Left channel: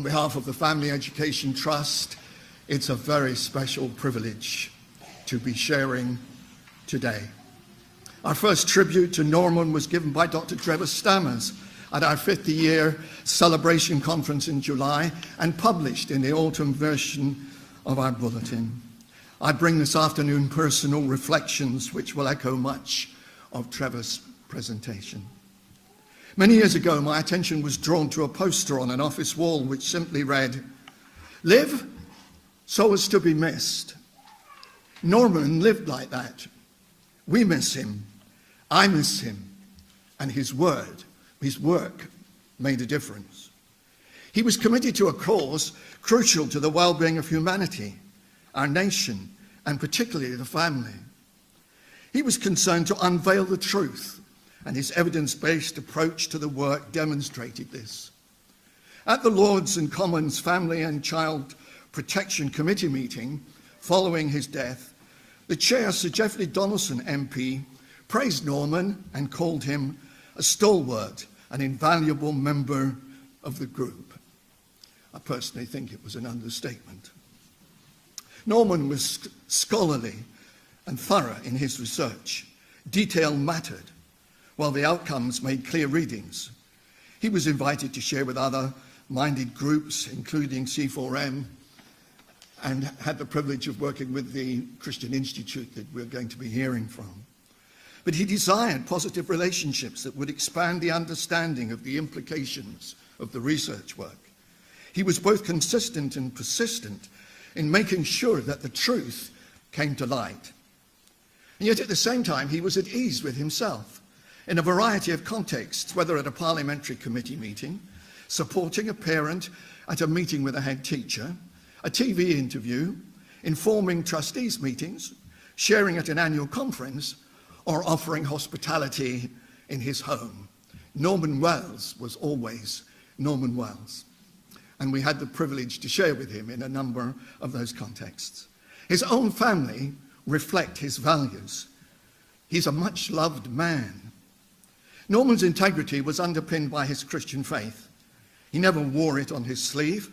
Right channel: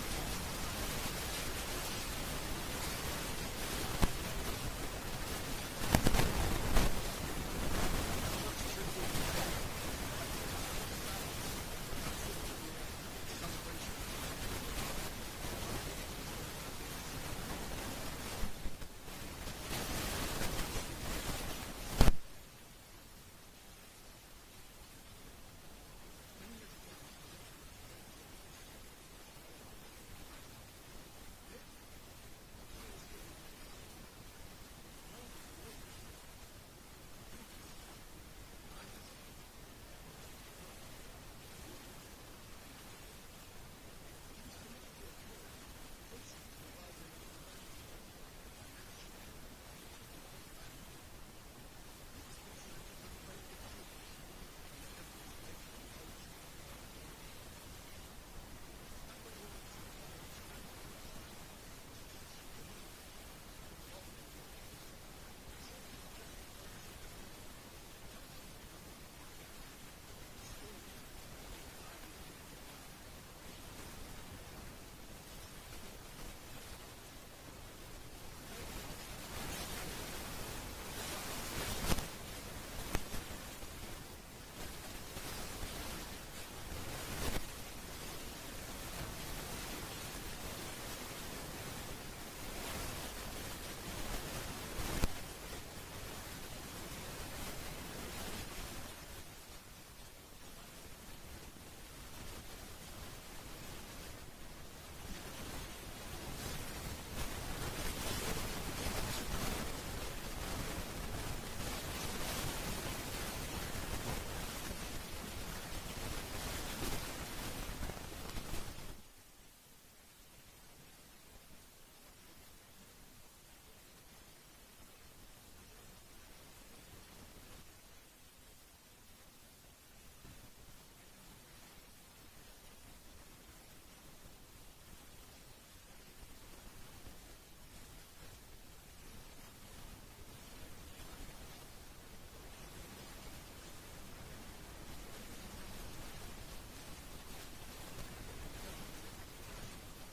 On behalf of the Family Education Trust, it's a very special privilege to be sharing today. Our first tribute to Norman was given by Dr. Trevor Stammers at our 50-year celebration conference in July and published in the autumn version of our bulletin. I bring this afternoon personal reflections which will echo much of Trevor's presentation. Many years ago, my attention was drawn to a poster on an office wall which simply read, "Live so as to be missed." Norman lived like that. We miss him. I miss him. And his work made a difference. He was committed to a cause crucial to the well-being of humanity, our nation, and particularly the family. He was concerned to unveil the truth, and his evidence-based approach to the work demonstrated this. At the Lords and Commons Family and Child Protection Committee meeting following his death, the chair, Sir Geoffrey Donaldson MP, praised Norman and called him a stalwart, an invaluable member of the group. I personally think it was an understatement. Norman was scholarly and thorough in his research. Detail mattered, while the outcomes made clear readings. He was invited to share with other minded groups, including C4M, and had the privilege of working with the Christian Institute that we're going to be hearing from. But he desired positive relationships that would expand the understanding of the implications of the research work. He was both consistent and persistent in making sure that the truth came to light. And yet at the same time, he was at ease with himself in a variety of contexts, whether at a parliamentary committee meeting, supporting a parent at a meeting with a head teacher, a TV interview, informing trustees meetings, sharing at an annual conference, or offering hospitality in his home. Norman Wells was always Norman Wells, and we had the privilege to share with him in a number of those contexts. His own family reflect his values. He's a much-loved man. Norman's integrity was underpinned by his Christian faith. He never wore it on his sleeve,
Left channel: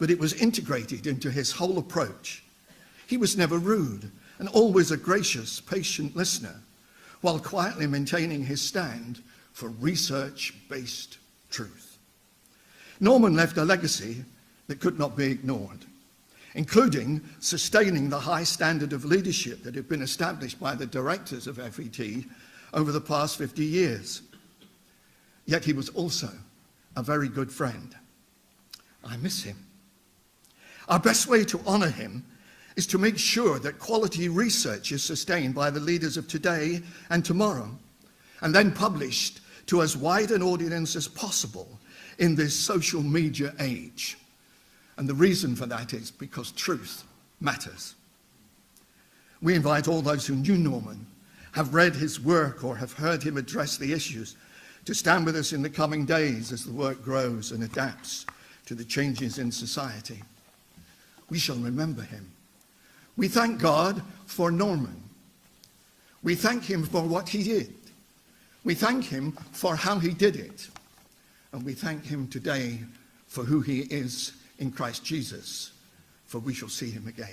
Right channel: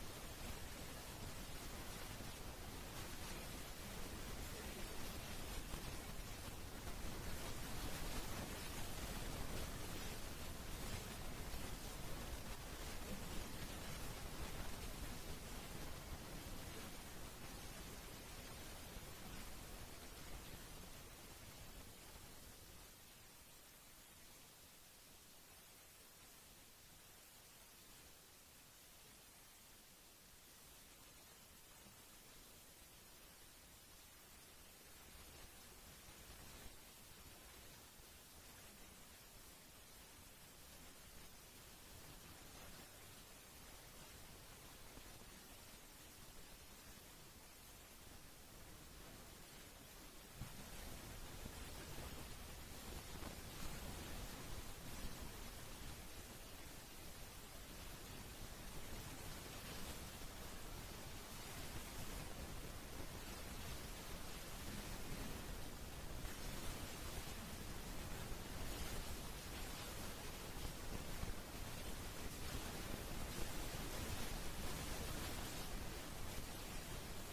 but it was integrated into his whole approach. He was never rude and always a gracious, patient listener, while quietly maintaining his stand for research-based truth. Norman left a legacy that could not be ignored, including sustaining the high standard of leadership that had been established by the directors of FET over the past 50 years. Yet he was also a very good friend. I miss him. Our best way to honor him is to make sure that quality research is sustained by the leaders of today and tomorrow, and then published to as wide an audience as possible in this social media age. And the reason for that is because truth matters. We invite all those who knew Norman, have read his work, or have heard him address the issues to stand with us in the coming days as the work grows and adapts to the changes in society. We shall remember him. We thank God for Norman. We thank him for what he did. We thank him for how he did it. And we thank him today for who he is in Christ Jesus, for we shall see him again.